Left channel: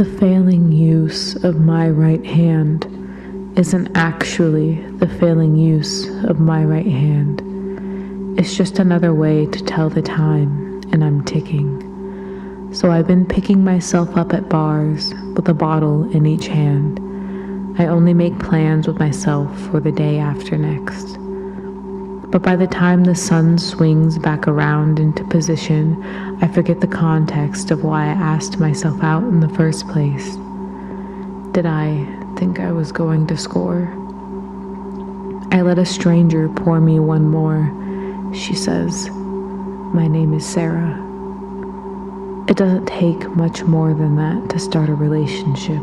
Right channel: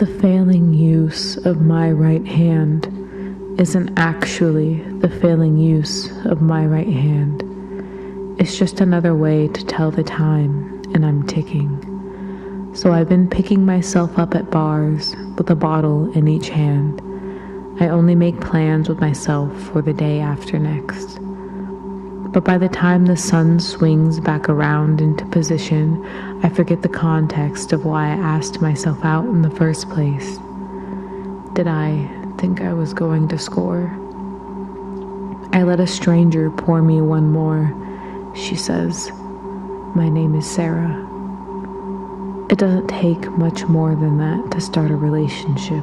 the failing use of my right hand isn't actually the failing use of my right hand. It's just another way to tell the time, and I'm ticking. So I've been picking myself up at bars with a bottle in each hand. I only make plans with myself for the day after next. But by the time the sun swings back around into position, I forget the context of why I asked myself out in the first place. Did I think I was going to score? I let a stranger pour me one more. She says, "My name is Sara." It doesn't take much more than that to start a relationship.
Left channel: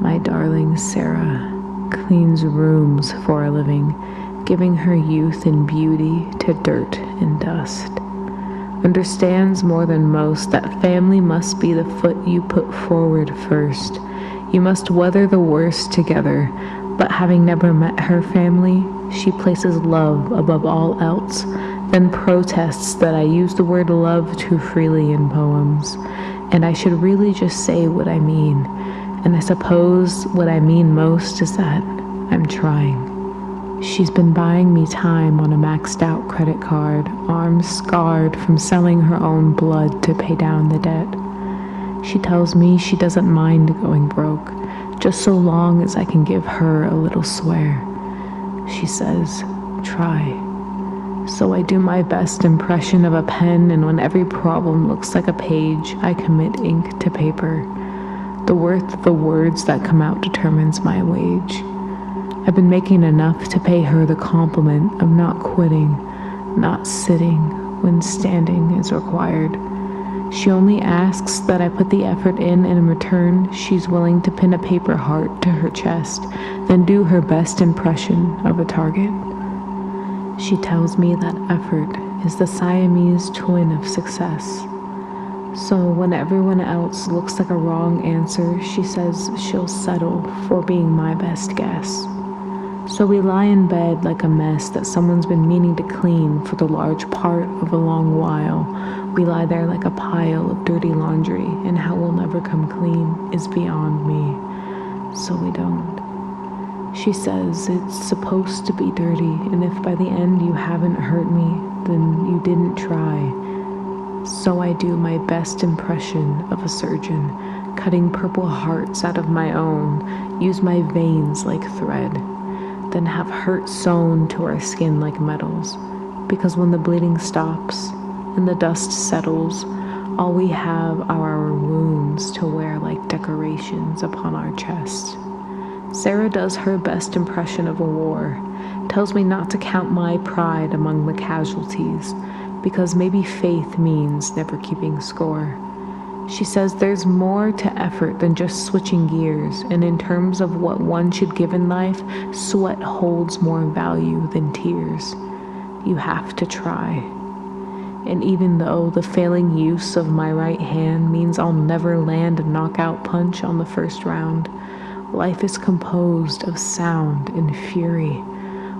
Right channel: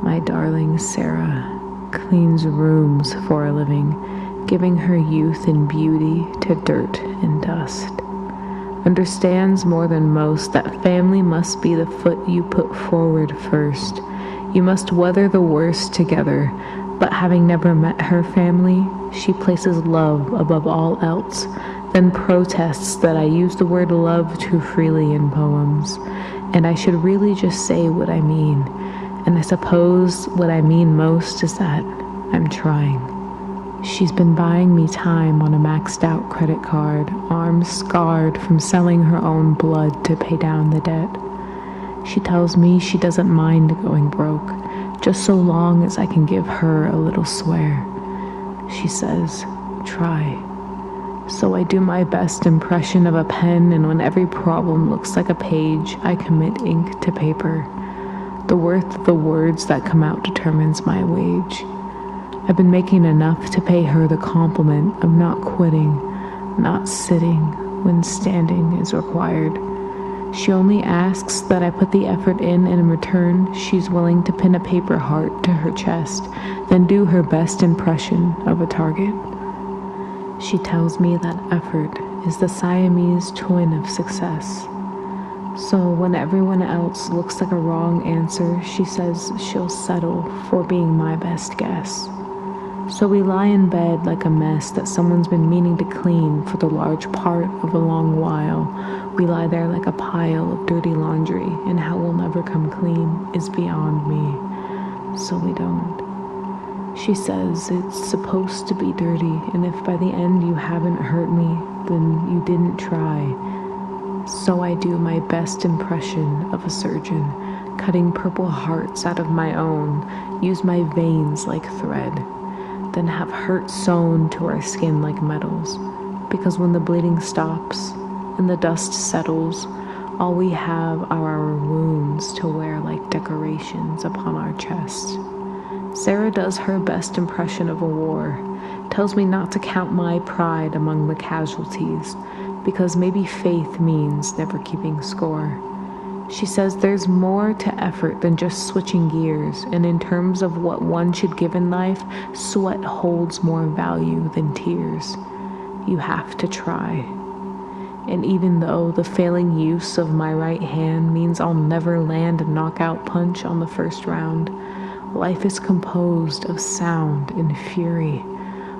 My darling Sara cleans rooms for a living, giving her youth and beauty to dirt and dust. Understands more than most that family must be the foot you put forward first. You must weather the worst together, but having never met her family, she places love above all else, then protests that I use the word love too freely in poems, and I should really just say what I mean. And I suppose what I mean most is that I'm trying. She's been buying me time on a maxed out credit card, arms scarred from selling her own blood to pay down the debt. She tells me she doesn't mind going broke, just so long as I can give her a little swear. She says, "Try." So I do my best impression of a pen, and when every problem looks like a page, I commit ink to paper. The worth of the words that come out determines my wage. I've been making enough to pay her the compliment of not quitting, not sitting when standing is required. She only asks that I put the effort in, and in return, she's willing to pin a paper heart to her chest, then do her best impression of a target. She tells me that effort is the Siamese twin of success. So when everyone else looks like a wrong answer, she says she'll settle for being my best guess. So we lie in bed like a mess that someone's been meaning to clean for the large part of a long while. We lie there like a pile of dirty laundry, and how we'll never come clean is beyond me. So we don't. She says it's supposed to be dirty, and if by the end you haven't hurt me, then you didn't try. So I do my best impression of a surgeon, cutting purple hearts out of my own, use my veins like thread, then have hurt sewn to our skin like metals, because when the bleeding stops and the dust settles, all we have are our wounds to wear like decorations upon our chests. Sara does her best impression of a war, tells me not to count my pride among the casualties, because maybe faith means never keeping score. She says there's more to effort than just switching gears, and in terms of what one should give in life, sweat holds more value than tears. You have to try. And even though the failing use of my right hand means I'll never land a knockout punch on the first round, life is composed of sound and fury.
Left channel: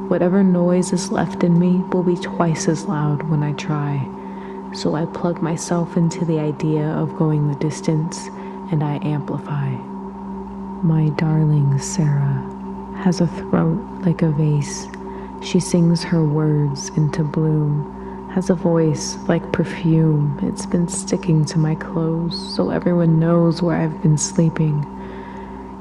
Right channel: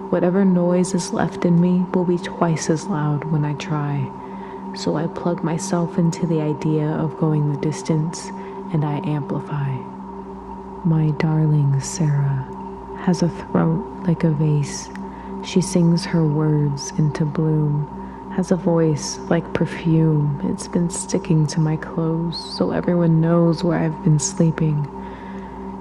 Whatever noise is left in me will be twice as loud when I try. So I plug myself into the idea of going the distance, and I amplify. My darling Sara has a throat like a vase. She sings her words into bloom, has a voice like perfume. It's been sticking to my clothes, so everyone knows where I've been sleeping.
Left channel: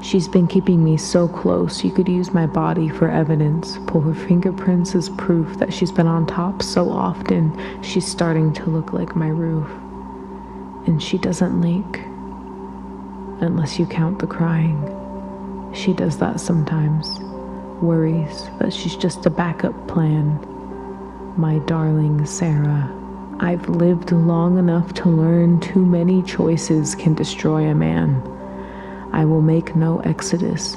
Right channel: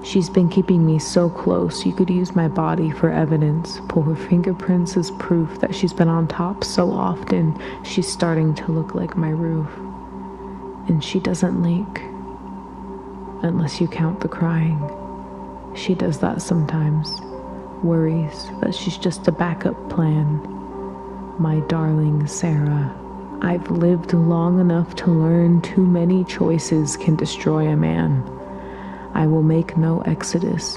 She's been keeping me so close you could use my body for evidence, pull her fingerprints as proof that she's been on top so often she's starting to look like my roof. And she doesn't leak, unless you count the crying. She does that sometimes, worries that she's just a backup plan. My darling Sara, I've lived long enough to learn too many choices can destroy a man. I will make no exodus.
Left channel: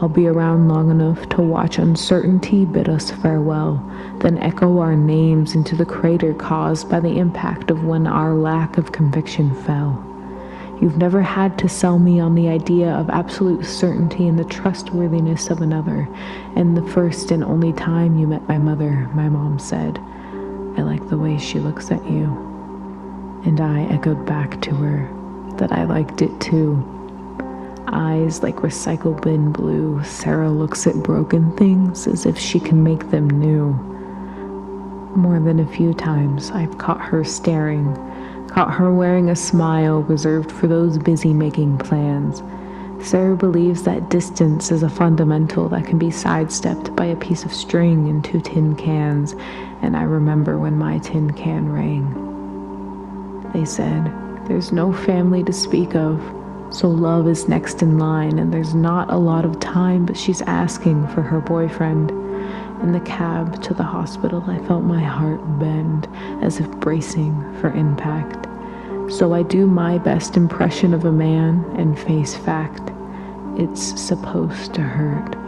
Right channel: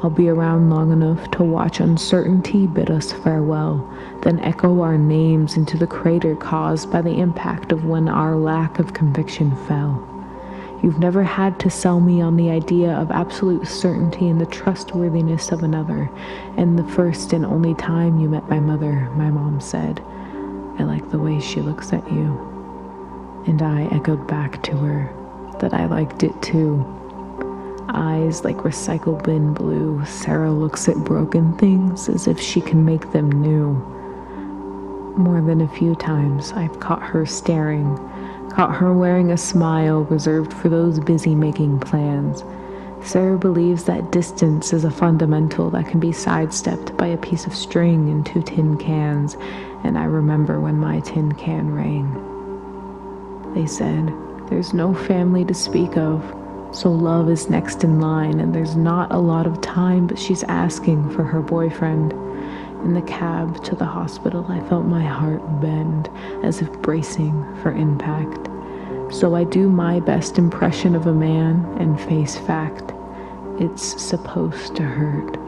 I'll be around long enough to watch uncertainty bid us farewell, then echo our names into the crater caused by the impact of when our lack of conviction fell. You've never had to sell me on the idea of absolute certainty and the trustworthiness of another, and the first and only time you met my mother, my mom said, "I like the way she looks at you." And I echoed back to her, that I liked it too. Eyes like recycle bin blue, Sara looks at broken things as if she can make them new. More than a few times I've caught her staring, caught her wearing a smile reserved for those busy making plans. Sara believes that distance is a fundamental that can be sidestepped by a piece of string and 2 tin cans, and I remember when my tin can rang. They said, "There's no family to speak of, so love is next in line, and there's not a lot of time, but she's asking for her boyfriend." In the cab to the hospital, I felt my heart bend, as if bracing for impact. So I do my best impression of a man and face fact. It's supposed to hurt.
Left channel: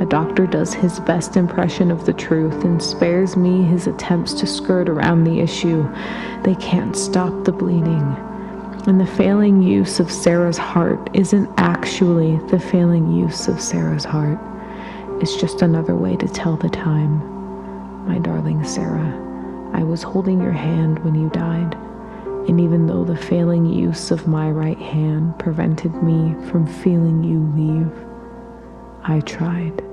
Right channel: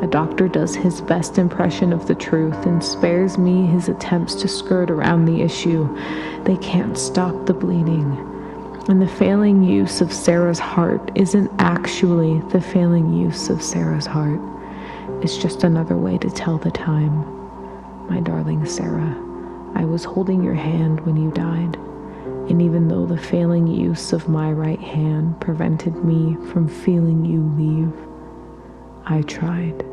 A doctor does his best impression of the truth and spares me his attempts to skirt around the issue. They can't stop the bleeding. And the failing use of Sara's heart isn't actually the failing use of Sara's heart. It's just another way to tell the time. My darling Sara, I was holding your hand when you died, and even though the failing use of my right hand prevented me from feeling you leave, I tried.